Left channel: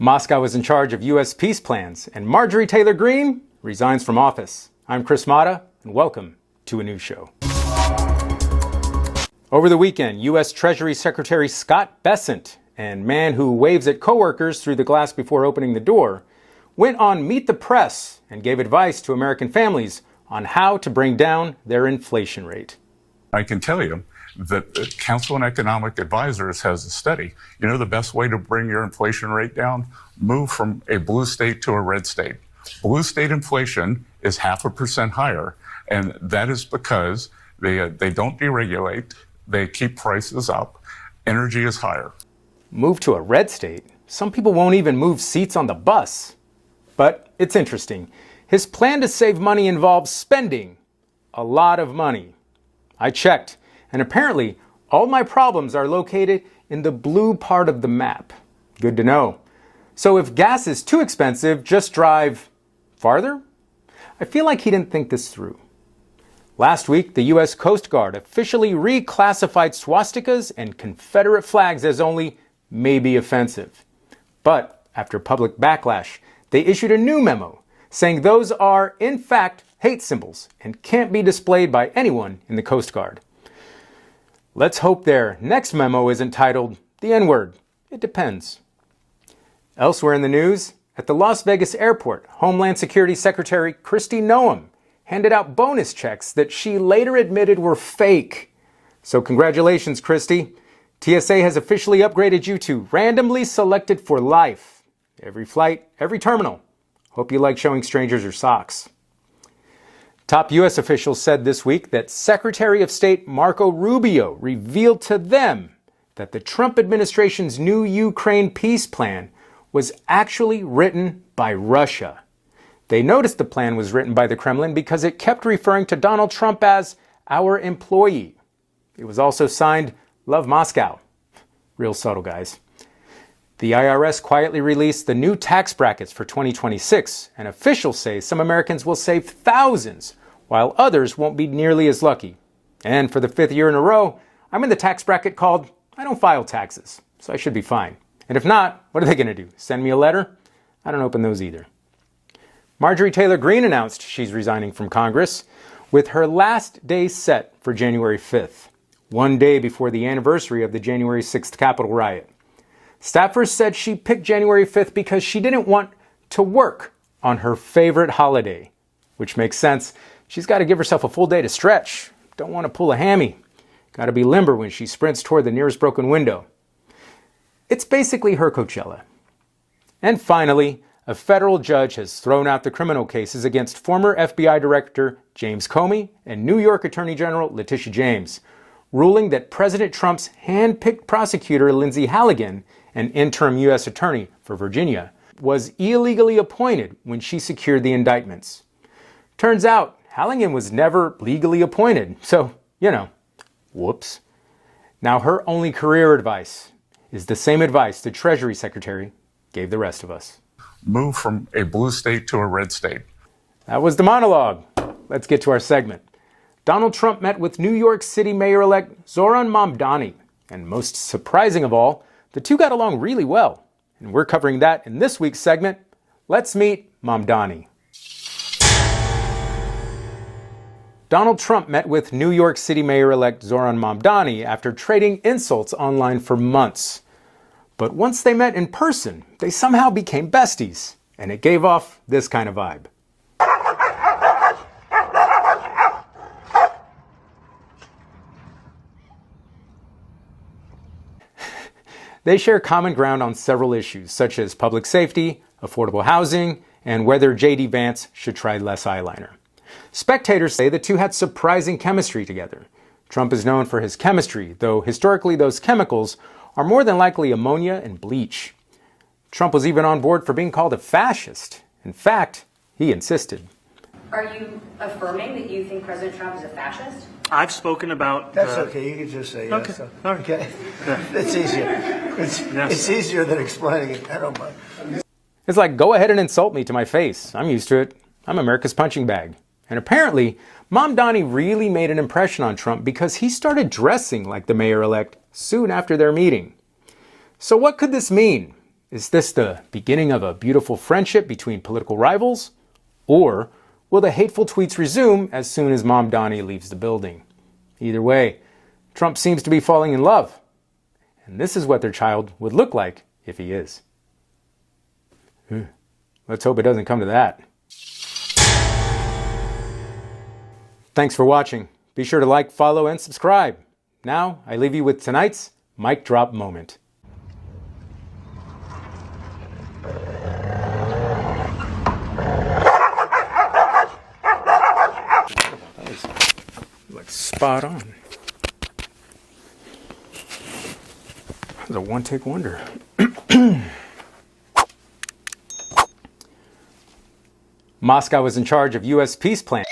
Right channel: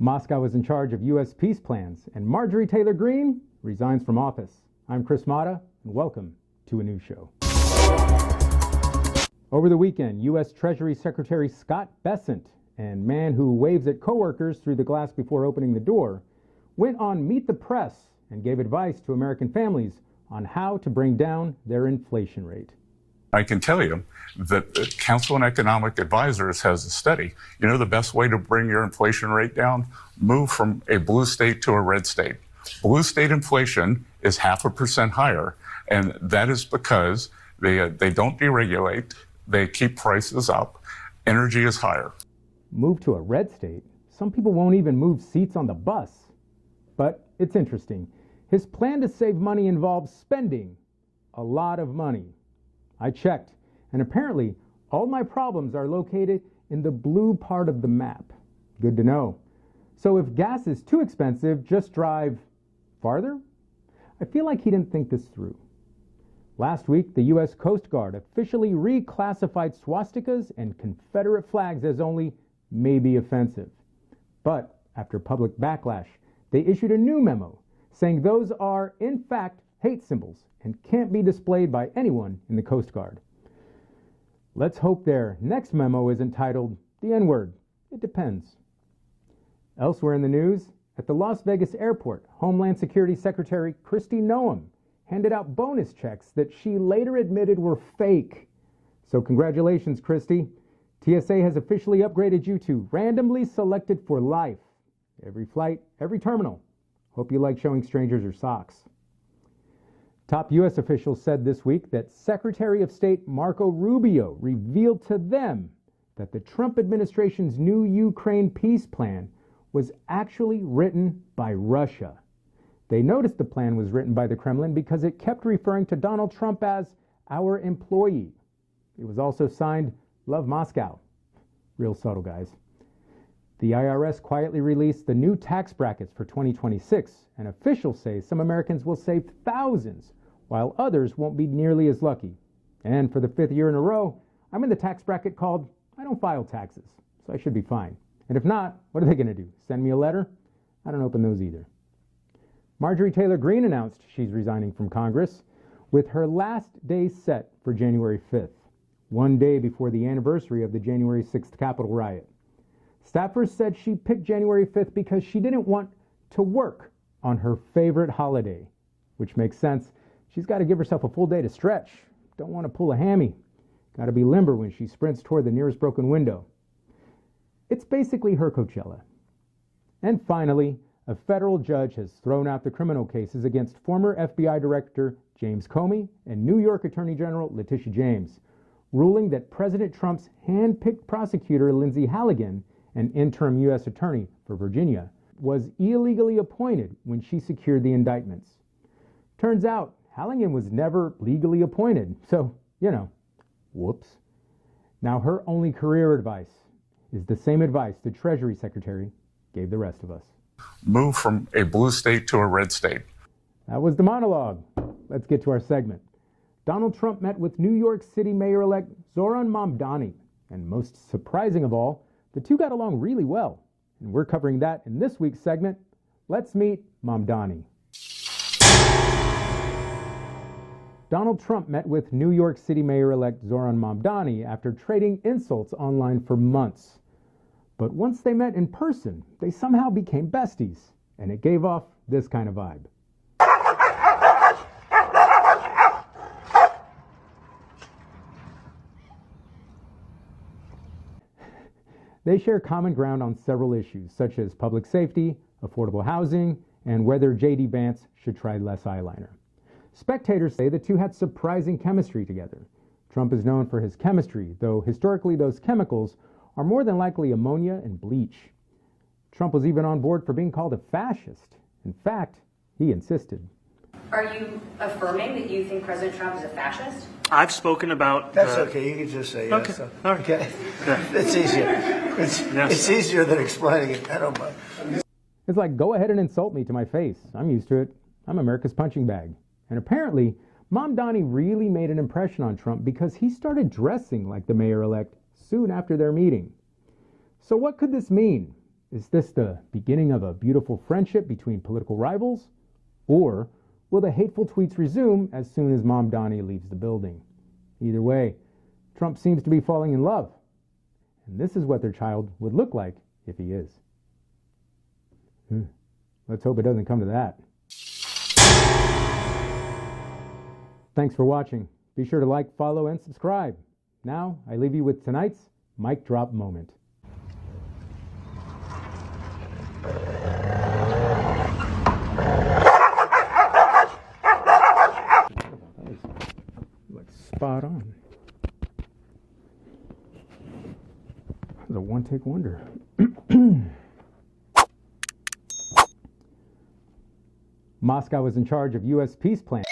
Moscow is in charge of U.S. peace plans, and Marjorie Taylor Greene resigns from office. I'm Chris Mata, and welcome to A New Show. Over the weekend, U.S. Treasury Secretary Scott Bessent, and man who waves at coworkers through the glass before opening the door, went on Meet the Press and gave advice to American families on how to bring down their inflation rate. I can tell you that the Council on Economic Advisors has a study. You know the best way to bring your inflation rate down? Move from a blue state to a red state. Blue state inflation is 0.5% higher, and that is because they don't deregulate, they keep prices up, energy is higher. Move to a red state? Some people won't even move seats on the bus. But it's interesting. His plan to save money involves spending a lot of money. I checked, and apparently all my problems are located in the blue part of the map. Good to know. So if gas is too expensive, just drive farther? I feel like he didn't think this through. Last week, the U.S. Coast Guard officially reclassified swastikas and Confederate flags as only maybe offensive. But after public backlash, they issued a new memo saying those are, in fact, hate symbols and can't be displayed by anyone in the Coast Guard. Let's hope their next memo isn't titled the N-word. It depends. Elsewhere in the news, at the Las Vegas airport, Homeland Security Secretary Kristi Noem handed out bonus checks that she later admitted were fake. So congratulations, Kristi. TSA has officially upgraded you to randomly selected for life. Every flight, every terminal. Hope you like showing strangers your socks. Top U.S. officials said this week that Secretary of State Marco Rubio revealed to them that the Trump administration's new Ukraine peace plan was actually written by Russia. They noticed the plan was written by the Kremlin because it kept referring to Donald Trump as our employee. It was also signed Love Moscow. Real subtle, guys. The IRS quietly released the new tax brackets for 2026, and officials say some Americans will save thousands, while others won't be nearly as lucky. And for the 5th year in a row, I'm in the tax bracket called I don't file taxes, so I should be fine. And if not, what are they going to do? Send me a letter? I don't open those either. Marjorie Taylor Greene announced she's resigning from Congress, with her last day set for January 5th, one day before the anniversary of the January 6th Capitol riot. Staffers said she picked January 5th because she didn't want to work on her favorite holiday, which makes sense. She's got to give herself a full day to stretch. Don't want to pull a hammy. Got to be limber when she sprints toward the nearest broken window. It's basically her Coachella. And finally, a federal judge has thrown out the criminal cases against former FBI Director James Comey and New York Attorney General Letitia James, ruling that President Trump's hand-picked prosecutor Lindsay Halligan, an interim U.S. attorney for Virginia, was illegally appointed when she secured the indictments. Turns out, Halligan was never legally appointed, so, whoops. Now her only career advice is the same advice the Treasury Secretary gave the rest of us. Move from a blue state to a red state. That was the monologue. Let's get to our segment. Donald Trump met with New York City Mayor-elect Zohran Mamdani. And most surprising of all, the two got along really well. And we're covering that in this week's segment. Let's meet Mamdani. Donald Trump met with New York City Mayor-elect Zohran Mamdani after trading insults online for months. But once they met in person, they somehow became besties, and it gave off this kind of vibe. They share common ground on several issues, such as public safety, affordable housing, and whether J.D. Vance should try less eyeliner. Spectators say the two had surprising chemistry together. Trump is known for his chemistry, though historically those chemicals are more than likely ammonia and bleach. Trump was even on board for being called a fascist. In fact, he insisted. Are you affirming that you think President Trump is a fascist? I've spoken about... That's okay, you can just say yes. Okay, So, all right. okay. Yeah. It's easier. It's easier than explaining it. I don't mind. It's like, go ahead and insult me to my face. I'm used to it. I'm America's punching bag. And apparently, Mamdani really made an impression on Trump because he started dressing like the mayor-elect soon after their meeting. So what could this mean? Is this the beginning of a beautiful friendship between political rivals? Or will the hateful tweets resume as soon as Mom Donnie leaves the building? Either way, Trump seems to be falling in love. And this is what their child would look like if he is. Let's hope it doesn't come to that. Thanks for watching. Be sure to like, follow, and subscribe. Now, I leave you with tonight's mic drop moment. That was like spot on. That was a one-take wonder. Moscow is in charge of U.S. peace plans.